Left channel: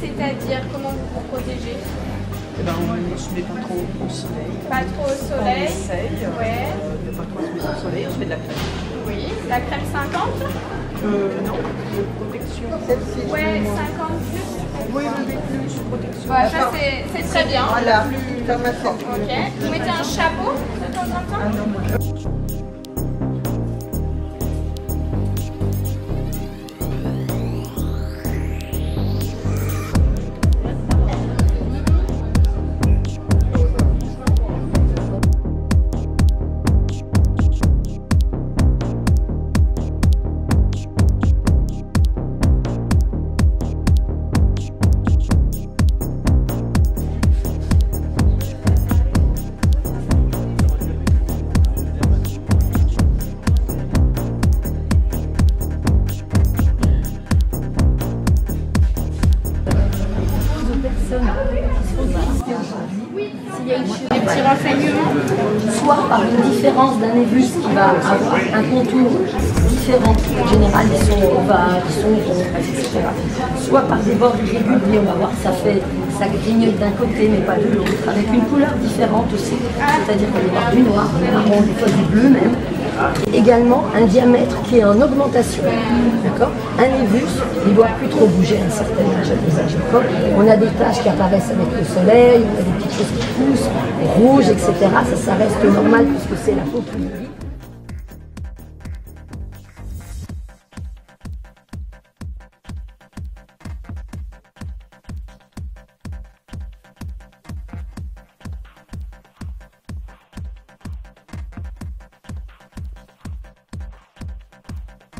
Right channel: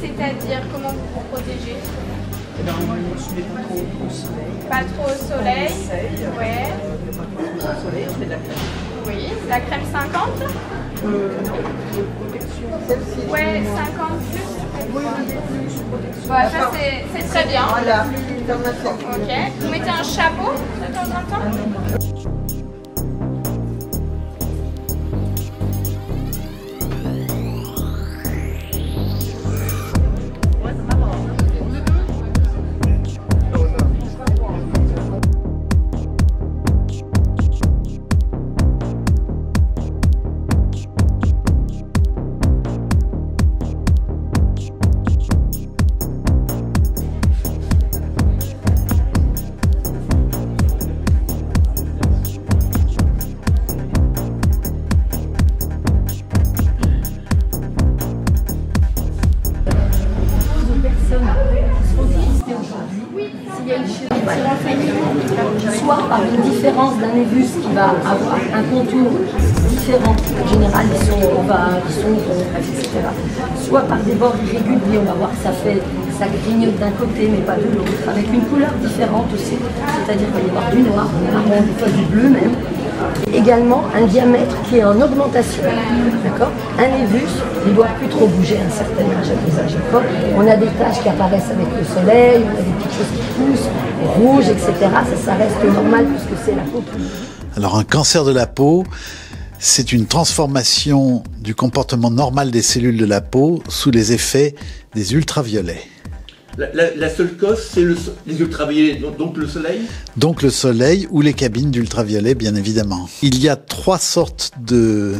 C'est-à-dire, comment vous vous protégez? Eh ben, on ne se met pas trop au soleil. Pas trop au soleil. On essaye. Ouais. On ne pas trop se mettre au soleil, on se met de la crème. Oui, la crème 50? Non, de protection. Celle-ci. Ouais, 50 plus. Oui, plus protection. Voilà, ça c'est très bien. Voilà, comme ça. Ok. Vous mettez un chapeau de temps en temps? S'il y a des petits renseignements, soit par une différence d'un névus qui va avoir un contour différent, en général ils sont ovales, ils sont ronds, etc. Soit par des bords irréguliers, on va voir que ça grignote d'un côté mais pas de l'autre, avec une couleur différente aussi, c'est-à-dire qu'il va y avoir du noir, du marron, des fois du bleu même. Également un diamètre qui est en augmentation, d'accord. Un névus, il ne doit plus trop bouger à un certain âge, à des âges d'accord. On a des taches qui apparaissent avec le soleil, on a des petites choses qui poussent, rouges, etc. Ça reste normal puisque c'est la peau qui... Alors un cancer de la peau, c'est une transformation du comportement normal des cellules de la peau sous les effets des ultraviolets. La seule cause, c'est les ultraviolets, donc le soleil? Donc le soleil ou les cabines d'ultraviolets, bien évidemment. Il y a 3 sortes de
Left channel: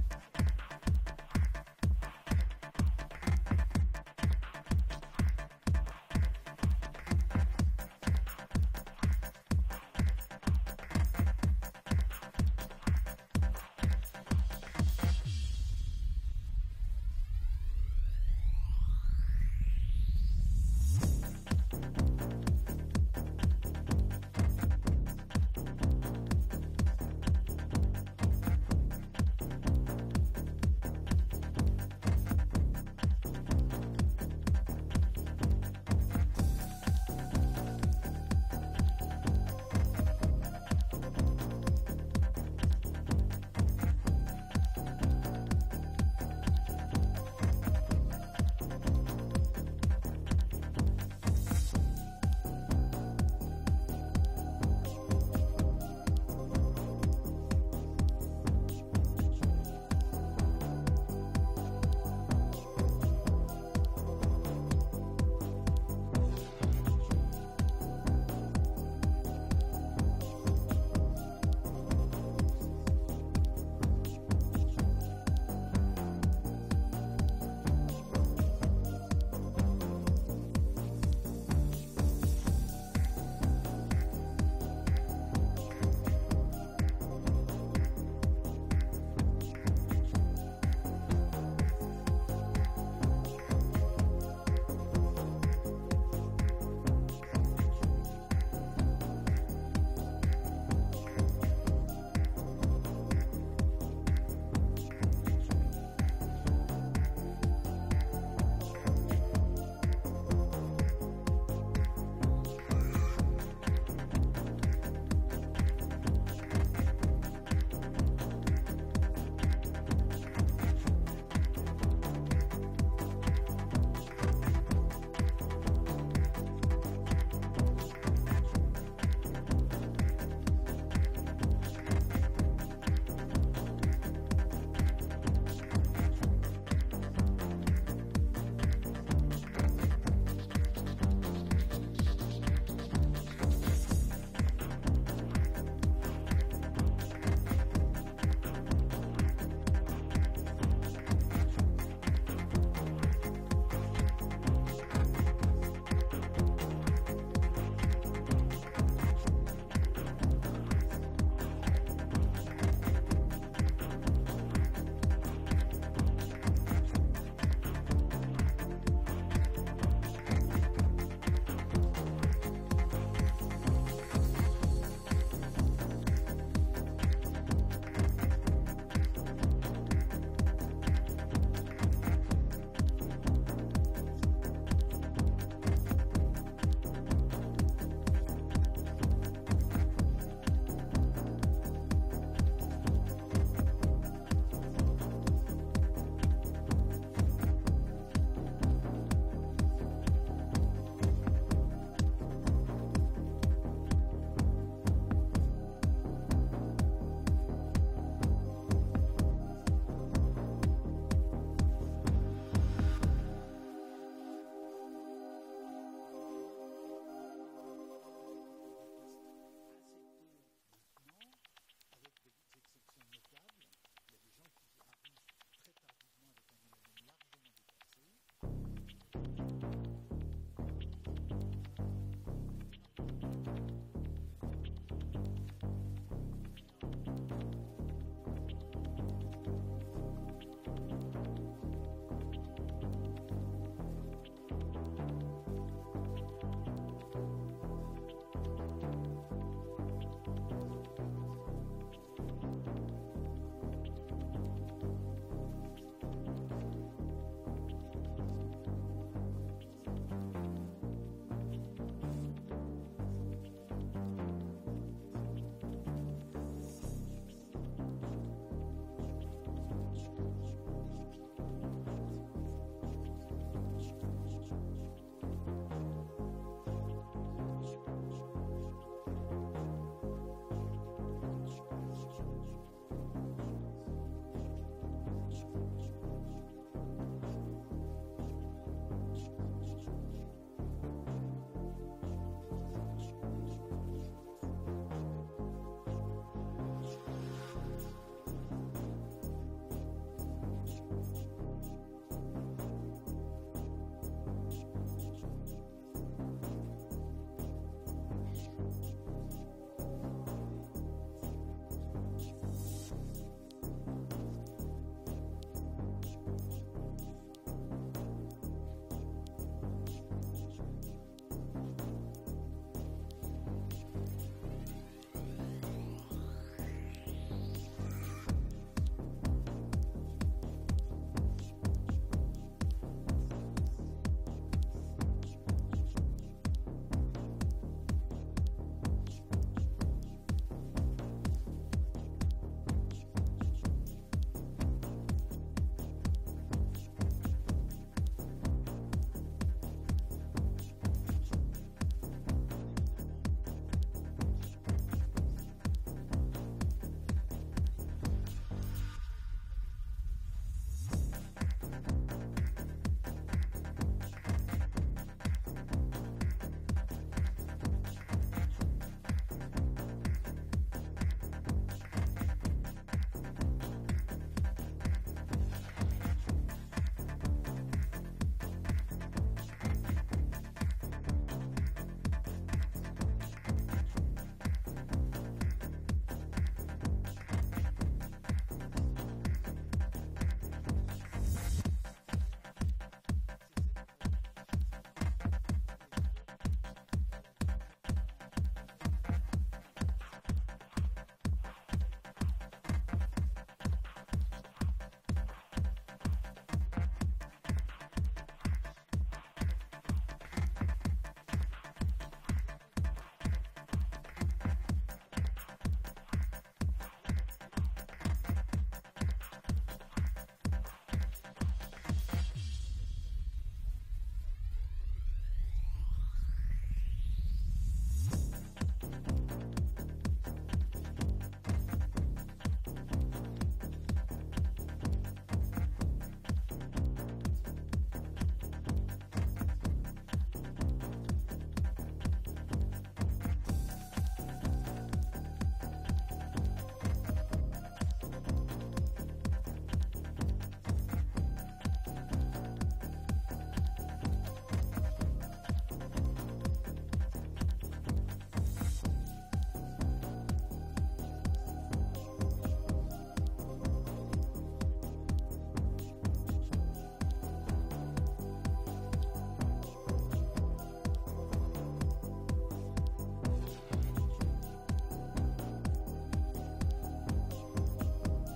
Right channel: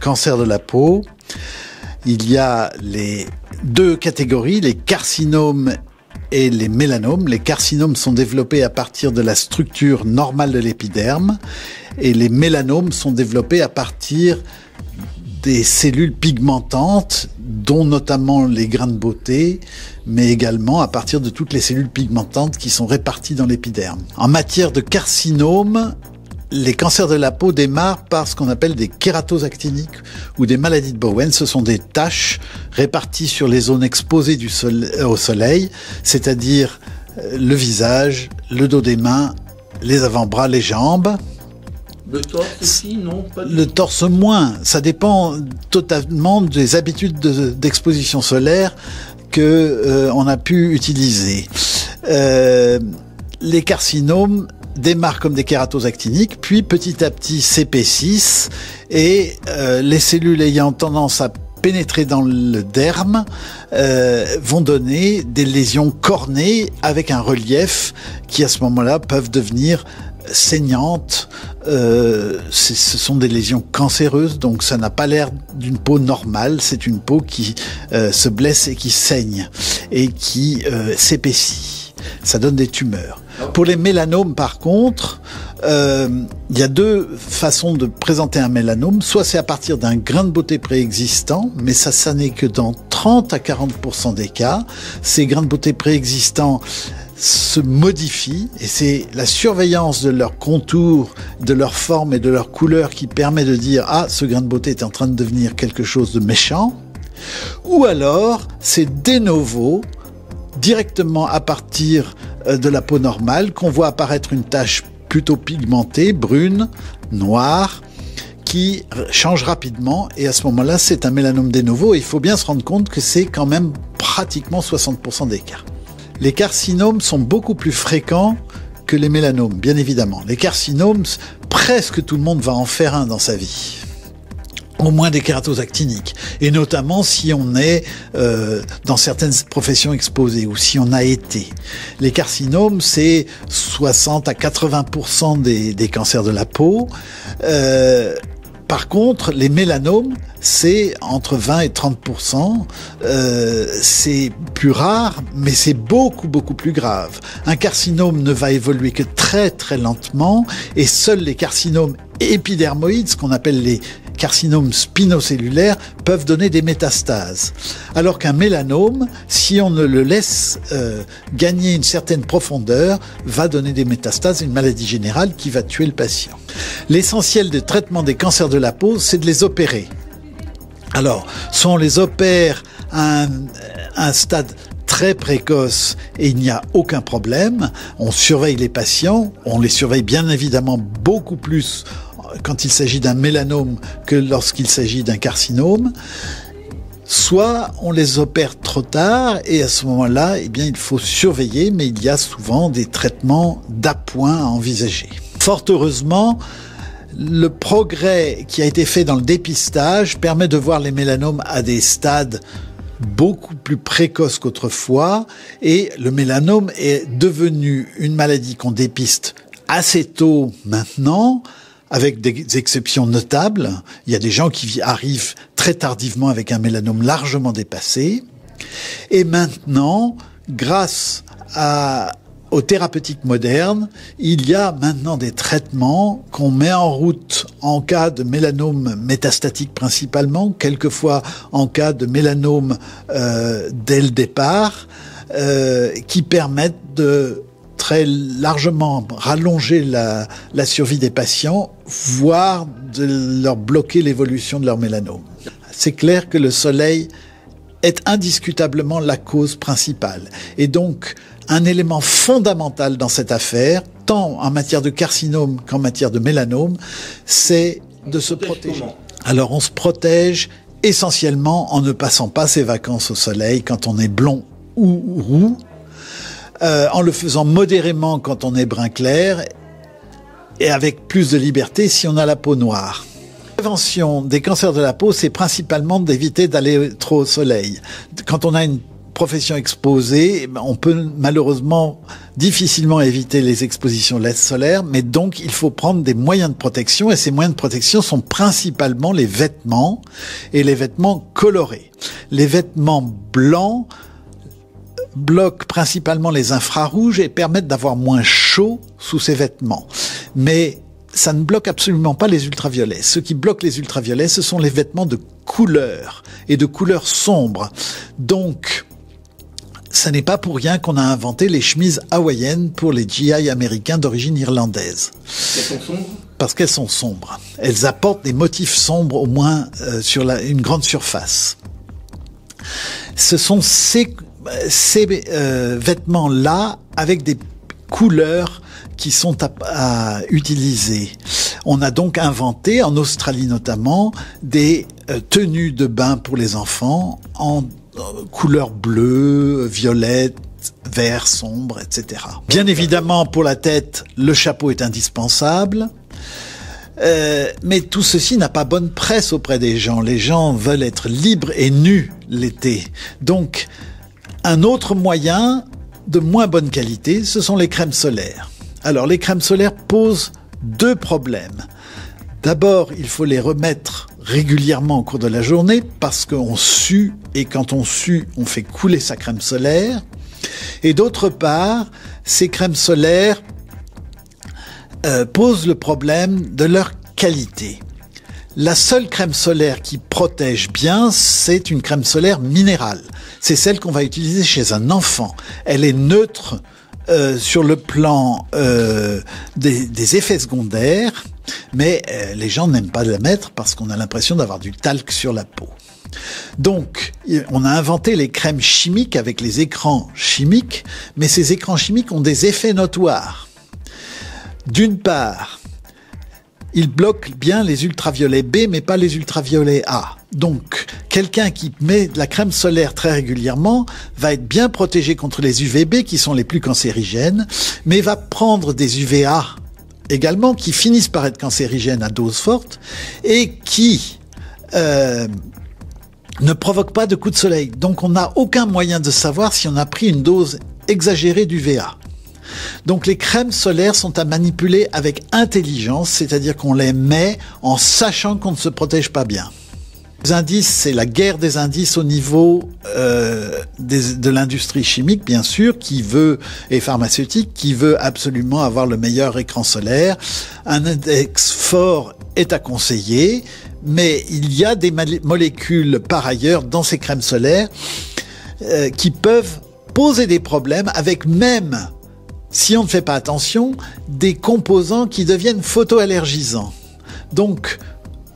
cancers de la peau. Il y a les 2 catégories, les carcinomes et les mélanomes. Les carcinomes sont développés à partir de la structure normale de l'épiderme et les mélanomes sont développés à partir des cellules pigmentantes, dont notamment les grains de beauté, mais également à partir de toutes les cellules pigmentantes qui sont réparties dans l'épiderme. En matière de carcinome, les cancers de la peau démarrent par ce qu'on appelle des kératoses actiniques ou des maladies de Bowen. Ce sont des taches réparties sur les zones exposées au soleil, c'est-à-dire le visage, le dos des mains, les avant-bras, les jambes. Le torse aussi, non? Le torse moins. Ça dépend totalement des habitudes d'exposition solaire qu'on a pu utiliser. Les carcinomes démarrent comme des kératoses actiniques, puis petit à petit s'épaississent et les cellules ayant tendance à pénétrer dans le derme vont donner des lésions cornées avec un relief qui à ce moment-là peuvent devenir saignantes. Ce sont des lésions cancéreuses, donc ça n'a pas l'air d'une peau normale, c'est une peau qui se blesse et qui saigne et qui s'épaissit. Ça donne des tumeurs. Pour les mélanomes, par contre, il y a 2 façons de présenter un mélanome. Soit c'est à partir d'un grain de beauté préexistant, mais ça n'est que dans 30 à 40% des cas. Ces grains de beauté préexistants se modifient et c'est la surveillance de leur contour, de leur forme et de leur couleur qui permet de dire « Ah, ce grain de beauté est en train de devenir quelque chose de méchant ». Ou alors, c'est de novo, directement à partir de la peau normale, qu'on voit apparaître une tache plutôt pigmentée, brune, noire, qui change rapidement et à ce moment-là, c'est un mélanome de novo et il faut bien se rendre compte que c'est quand même pratiquement 60% d'écart. Les carcinomes sont beaucoup plus fréquents que les mélanomes, bien évidemment. Les carcinomes, presque tout le monde va en faire un dans sa vie. Au moins des kératoses actiniques. Et notamment si on est dans certaines professions exposées ou si on a été. Les carcinomes, c'est 60 à 80% des cancers de la peau. Par contre, les mélanomes, c'est entre 20 et 30%. C'est plus rare, mais c'est beaucoup plus grave. Un carcinome ne va évoluer que très lentement et seuls les carcinomes épidermoïdes, ce qu'on appelle les carcinomes spinocellulaires, peuvent donner des métastases. Alors qu'un mélanome, si on ne le laisse gagner une certaine profondeur, va donner des métastases, une maladie générale qui va tuer le patient. L'essentiel du traitement des cancers de la peau, c'est de les opérer. Alors, soit on les opère à un stade très précoce et il n'y a aucun problème, on surveille les patients, on les surveille bien évidemment beaucoup plus quand il s'agit d'un mélanome que lorsqu'il s'agit d'un carcinome, soit on les opère trop tard et à ce moment-là, eh bien, il faut surveiller, mais il y a souvent des traitements d'appoint à envisager. Fort heureusement, le progrès qui a été fait dans le dépistage permet de voir les mélanomes à des stades beaucoup plus précoces qu'autrefois et le mélanome est devenu une maladie qu'on dépiste assez tôt maintenant, avec des exceptions notables. Il y a des gens qui arrivent très tardivement avec un mélanome largement dépassé. Et maintenant, grâce aux thérapeutiques modernes, il y a maintenant des traitements qu'on met en route en cas de mélanome métastatique principalement, quelquefois en cas de mélanome dès le départ, qui permettent de très largement rallonger la survie des patients, voire de leur bloquer l'évolution de leur mélanome. C'est clair que le soleil est indiscutablement la cause principale. Et donc, un élément fondamental dans cette affaire, tant en matière de carcinome qu'en matière de mélanome, c'est de se protéger. Alors, on se protège essentiellement en ne passant pas ses vacances au soleil quand on est blond ou roux, en le faisant modérément quand on est brun clair et avec plus de liberté si on a la peau noire. La prévention des cancers de la peau, c'est principalement d'éviter d'aller trop au soleil. Quand on a une profession exposée, on peut malheureusement difficilement éviter les expositions solaires, mais donc il faut prendre des moyens de protection et ces moyens de protection sont principalement les vêtements et les vêtements colorés. Les vêtements blancs bloquent principalement les infrarouges et permettent d'avoir moins chaud sous ces vêtements. Mais ça ne bloque absolument pas les ultraviolets. Ce qui bloque les ultraviolets, ce sont les vêtements de couleur et de couleur sombre. Donc, ça n'est pas pour rien qu'on a inventé les chemises hawaïennes pour les GI américains d'origine irlandaise. Elles sont sombres ? Parce qu'elles sont sombres. Elles apportent des motifs sombres au moins sur une grande surface. Ce sont ces vêtements-là avec des couleurs qui sont à utiliser. On a donc inventé, en Australie notamment, des tenues de bain pour les enfants en couleur bleue, violette, vert sombre, etc. Bien évidemment, pour la tête, le chapeau est indispensable. Mais tout ceci n'a pas bonne presse auprès des gens. Les gens veulent être libres et nus l'été. Donc, un autre moyen de moins bonne qualité, ce sont les crèmes solaires. Alors, les crèmes solaires posent deux problèmes. D'abord, il faut les remettre régulièrement au cours de la journée parce qu'on sue et quand on sue, on fait couler sa crème solaire. Et d'autre part, ces crèmes solaires posent le problème de leur qualité. La seule crème solaire qui protège bien, c'est une crème solaire minérale. C'est celle qu'on va utiliser chez un enfant. Elle est neutre sur le plan des effets secondaires, mais les gens n'aiment pas la mettre parce qu'on a l'impression d'avoir du talc sur la peau. Donc, on a inventé les crèmes chimiques avec les écrans chimiques, mais ces écrans chimiques ont des effets notoires. D'une part, il bloque bien les ultraviolets B, mais pas les ultraviolets A. Donc, quelqu'un qui met de la crème solaire très régulièrement va être bien protégé contre les UVB, qui sont les plus cancérigènes, mais va prendre des UVA également, qui finissent par être cancérigènes à dose forte, et qui ne provoquent pas de coups de soleil. Donc, on n'a aucun moyen de savoir si on a pris une dose exagérée d'UVA. Donc les crèmes solaires sont à manipuler avec intelligence, c'est-à-dire qu'on les met en sachant qu'on ne se protège pas bien. Les indices, c'est la guerre des indices au niveau de l'industrie chimique, bien sûr, et pharmaceutique, qui veut absolument avoir le meilleur écran solaire. Un index fort est à conseiller, mais il y a des molécules par ailleurs dans ces crèmes solaires qui peuvent poser des problèmes avec même, si on ne fait pas attention, des composants qui deviennent photoallergisants. Donc,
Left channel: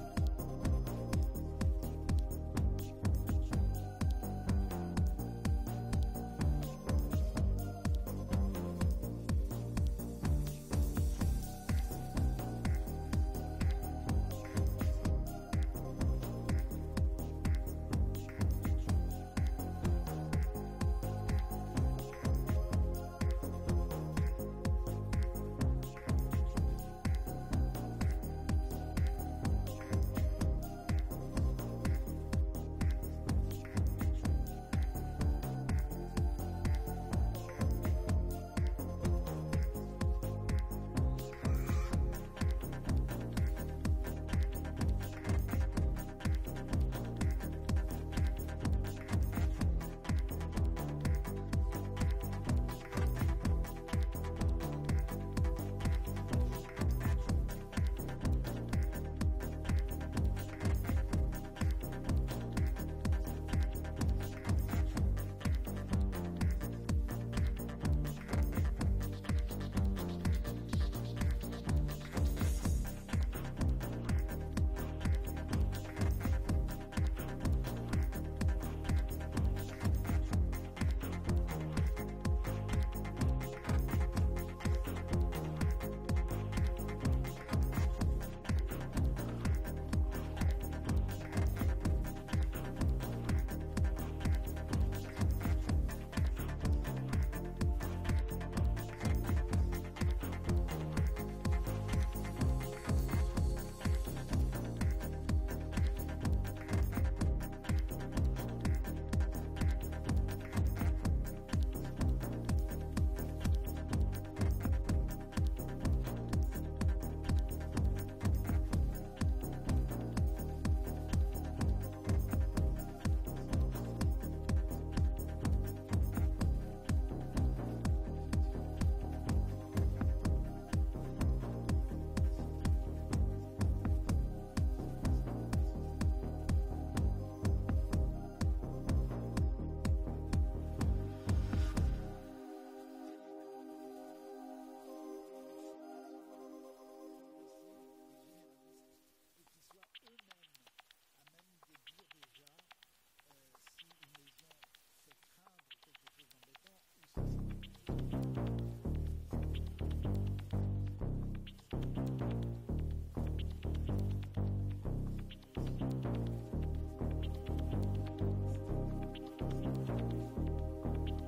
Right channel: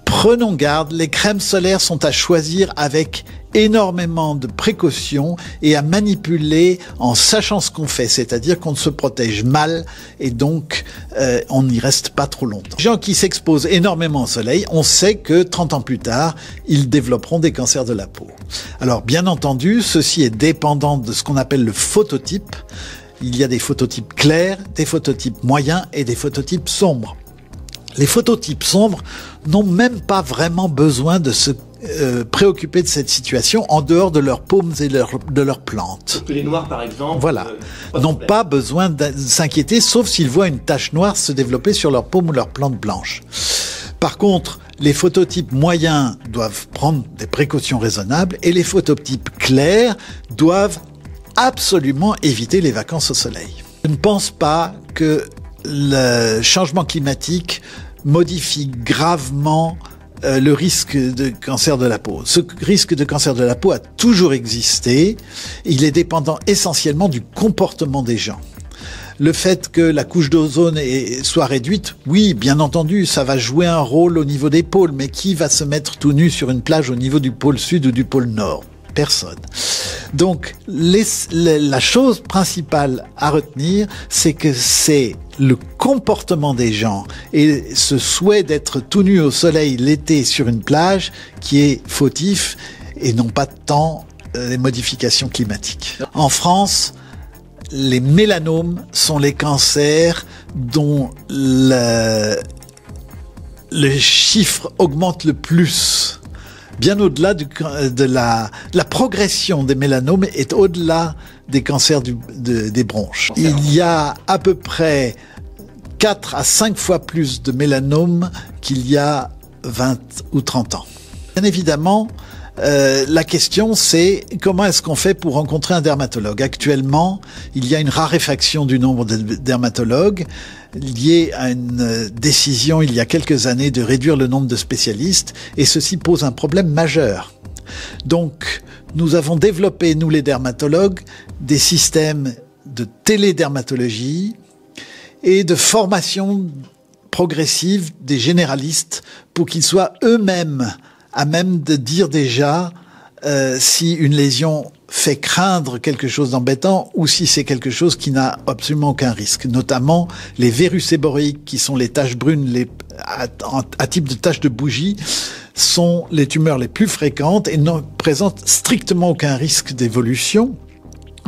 prenons garde, les crèmes solaires sont à choisir avec énormément de précautions et à manipuler en sachant ce qu'on fait, c'est-à-dire qu'on se protège mal et donc on n'y reste pas trop longtemps. Les gens qui s'exposent énormément au soleil, on sait que 30 ans plus tard, ils développeront des cancers de la peau. Alors, bien entendu, ceci est dépendant de ce qu'on appelle le phototype. Il y a des phototypes clairs, des phototypes moyens et des phototypes sombres. Les phototypes sombres n'ont même pas vraiment besoin de se préoccuper de cette situation en dehors de leurs paumes et de leurs plantes. Les noirs, par exemple, voilà, n'ont pas besoin de s'inquiéter, sauf s'ils voient une tache noire se développer sur leurs paumes ou leurs plantes blanches. Par contre, les phototypes moyens doivent prendre des précautions raisonnables et les phototypes clairs doivent absolument éviter les vacances au soleil. Je ne pense pas que le changement climatique modifie gravement le risque de cancer de la peau. Ce risque de cancer de la peau a toujours existé. Il est dépendant essentiellement du comportement des gens. Le fait que la couche d'ozone soit réduite, oui, bien entendu, ça va jouer un rôle au niveau des pôles, mais qui va se mettre tout nu sur une plage au niveau du pôle sud ou du pôle nord ? Personne. Donc, la chose principale à retenir, c'est que c'est le comportement des gens et ce souhait d'être tout nu au soleil l'été sur une plage qui est fautif et non pas tant les modifications climatiques. En France, les mélanomes sont les cancers dont le chiffre augmente le plus. Bien au-delà de la progression des mélanomes est au-delà des cancers des bronches. Il y a à peu près 4 à 5 fois plus de mélanomes qu'il y a 20 ou 30 ans. Bien évidemment, la question c'est comment est-ce qu'on fait pour rencontrer un dermatologue ? Actuellement, il y a une raréfaction du nombre de dermatologues liée à une décision il y a quelques années de réduire le nombre de spécialistes et ceci pose un problème majeur. Donc, nous avons développé, nous les dermatologues, des systèmes de télédermatologie et de formation progressive des généralistes pour qu'ils soient eux-mêmes à même de dire déjà si une lésion fait craindre quelque chose d'embêtant ou si c'est quelque chose qui n'a absolument aucun risque. Notamment les virus séborréiques qui sont les taches brunes à type de taches de bougie sont les tumeurs les plus fréquentes et ne présentent strictement aucun risque d'évolution.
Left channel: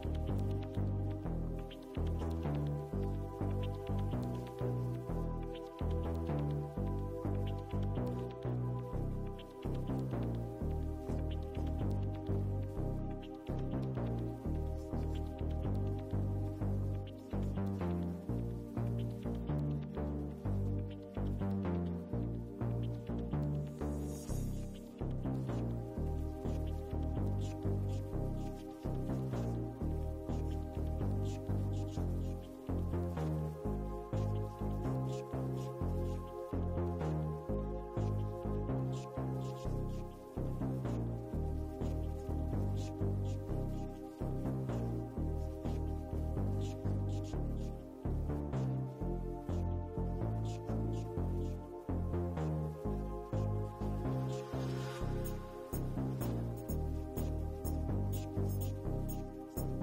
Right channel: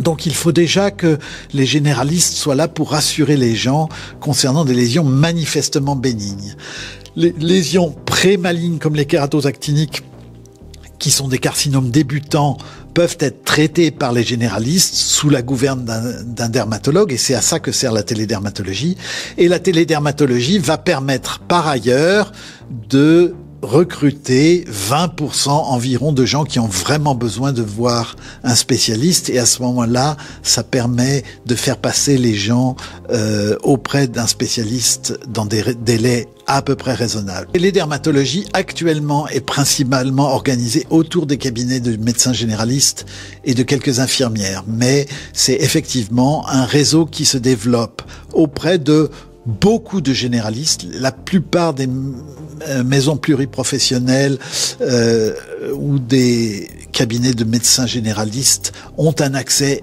Donc il faut déjà que les généralistes soient là pour rassurer les gens concernant des lésions manifestement bénignes. Les lésions pré-malignes comme les kératosactiniques, qui sont des carcinomes débutants, peuvent être traitées par les généralistes sous la gouverne d'un dermatologue, et c'est à ça que sert la télédermatologie. Et la télédermatologie va permettre par ailleurs de recruter 20% environ de gens qui ont vraiment besoin de voir un spécialiste, et à ce moment-là, ça permet de faire passer les gens auprès d'un spécialiste dans des délais à peu près raisonnables. Et les dermatologies actuellement est principalement organisée autour des cabinets de médecins généralistes et de quelques infirmières, mais c'est effectivement un réseau qui se développe auprès de beaucoup de généralistes. La plupart des maisons pluriprofessionnelles ou des cabinets de médecins généralistes ont un accès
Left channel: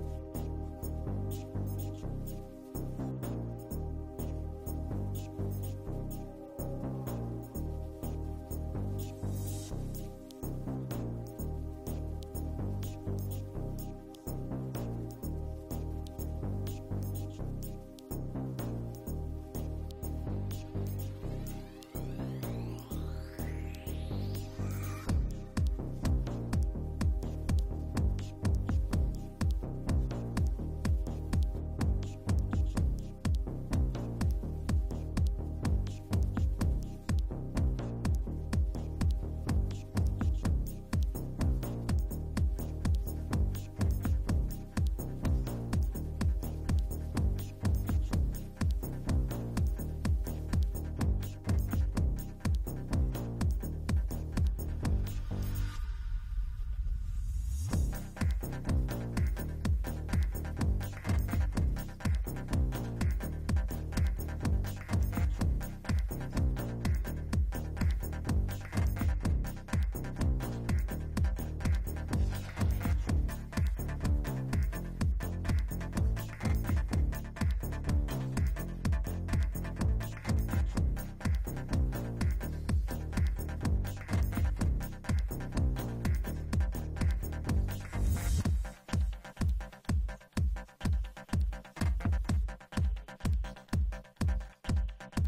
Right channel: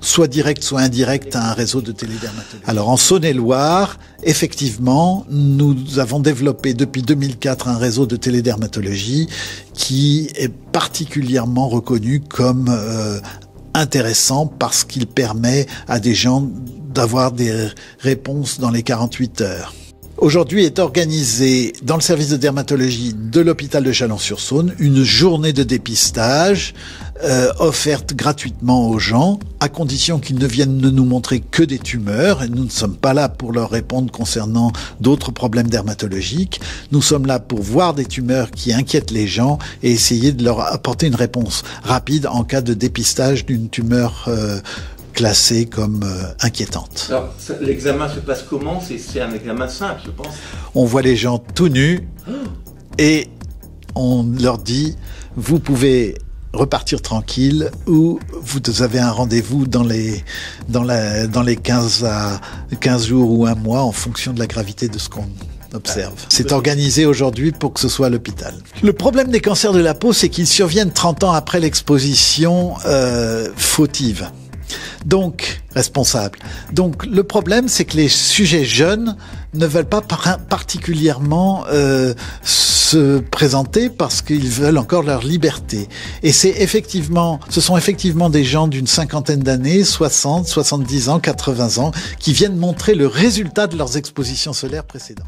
soit directe, soit indirecte, à un réseau de télédermatologie. Alors en Saône-et-Loire, effectivement, nous avons développé depuis 2004 un réseau de télédermatologie qui est particulièrement reconnu comme intéressant parce qu'il permet à des gens d'avoir des réponses dans les 48 heures. Aujourd'hui est organisée dans le service de dermatologie de l'hôpital de Chalon-sur-Saône une journée de dépistage offerte gratuitement aux gens, à condition qu'ils ne viennent nous montrer que des tumeurs. Et nous ne sommes pas là pour leur répondre concernant d'autres problèmes dermatologiques. Nous sommes là pour voir des tumeurs qui inquiètent les gens et essayer de leur apporter une réponse rapide en cas de dépistage d'une tumeur classée comme inquiétante. Alors, l'examen se passe comment? C'est un examen simple, je pense. On voit les gens tout nus et on leur dit « Vous pouvez repartir tranquille » ou « Vous avez un rendez-vous dans les 15 jours ou un mois en fonction de la gravité de ce qu'on observe. » C'est organisé aujourd'hui pour que ce soit à l'hôpital. Le problème des cancers de la peau, c'est qu'ils surviennent 30 ans après l'exposition fautive. Donc, responsable. Donc, le problème, c'est que les sujets jeunes ne veulent pas particulièrement se présenter parce qu'ils veulent encore leur liberté. Et ce sont effectivement des gens d'une cinquantaine d'années, 60, 70 ans, 80 ans, qui viennent montrer le résultat de leurs expositions solaires précédentes.